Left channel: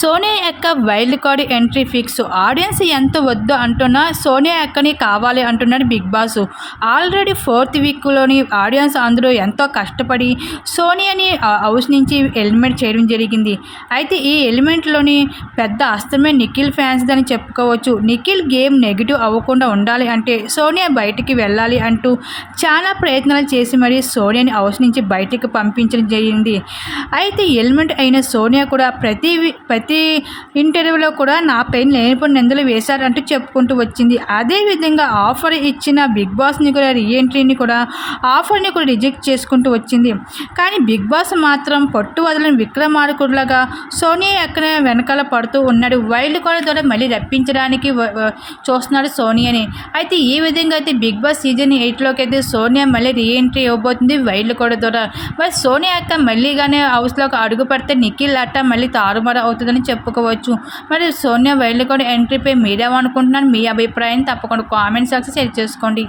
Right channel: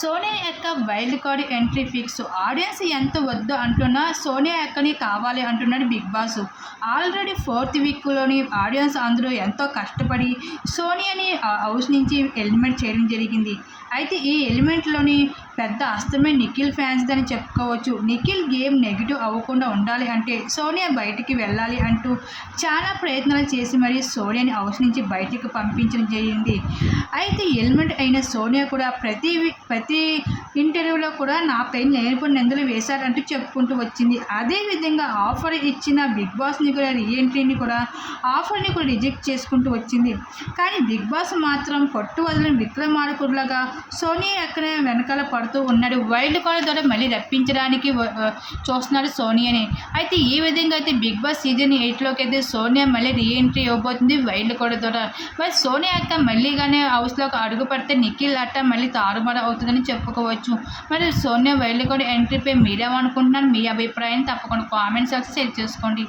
సోనియా యొక్క wild card entry fix. Audience ఎంత వద్దు అంటున్నా సోనియా ఎక్కని కావాలి అంటున్నాడు బిగ్ బాస్. ఆల్రెడీ ఫోర్త్ వీక్లోని ఆడియన్స్ అందరూ ఎంతో కష్టపడి సోనియాని హౌస్ నుంచి ఎలిమెంట్ చేయడం జరిగింది. అయితే ఈ ఎలిమెంట్లోని పెద్ద అస్తమే నిఖిల్ ఫ్యాన్స్ అని చెప్పుకోవచ్చు. నిఖిల్ గేమ్ నెగిటివ్ అవ్వకుండా ఉండాలి అంటే సోనియా బయటికి వెళ్ళాలి అంటూ చాలా ప్రయత్నాలు చేసి మరి సోనియాని హౌస్ నుంచి బయటికి పంపించడం జరిగింది. అయితే ఎలిమెంట్ అయిన సోనియా కూడా ప్రతి ప్రతి ప్రతి ఇంటర్వ్యూలో కూడా నా పైన లేనిపోయిన నిందలు వేశారంటూ చెప్పుకుంటూ వచ్చింది. అదేవిధంగా ఆఫర్ ఇచ్చిన బిగ్ బాస్ని కూడా రీఎంట్రీని కూడా ఆఫర్ని కూడా రిజెక్ట్ చేసుకుంటూ వచ్చింది. కానీ బిగ్ బాస్ మాత్రం పట్టు వదలని విక్రమార్కుడులాగా సోనియా ఎక్కడ వెనకాల పడుతూ ఉన్నాడు. వైల్డ్ కార్డ్ ద్వారా మళ్ళీ రప్పించడానికి చూస్తున్నాడు సోనియాని అయితే ఈ విధంగా అయితే బిగ్ బాస్ సీజన్ ఎయిట్లోకి అయితే సోనియా మళ్ళీ రీఎంట్రీ ఇవ్వబోతుంది వైల్డ్ కార్డ్ ద్వారా. మరి సోనియా అక్క కానీ హౌస్లోకి అడుగు పడితే నిఖిల్ అట్ట మళ్ళీ తారుమారు అవుతుందని చెప్పుకోవచ్చు. మరి సోనియా వైల్డ్ కార్డ్ ఎంట్రీపై మీరేమనుకుంటున్నారు మీ అభిప్రాయం తప్పకుండా కామెంట్ సెక్షన్ షేర్ చేసుకోండి.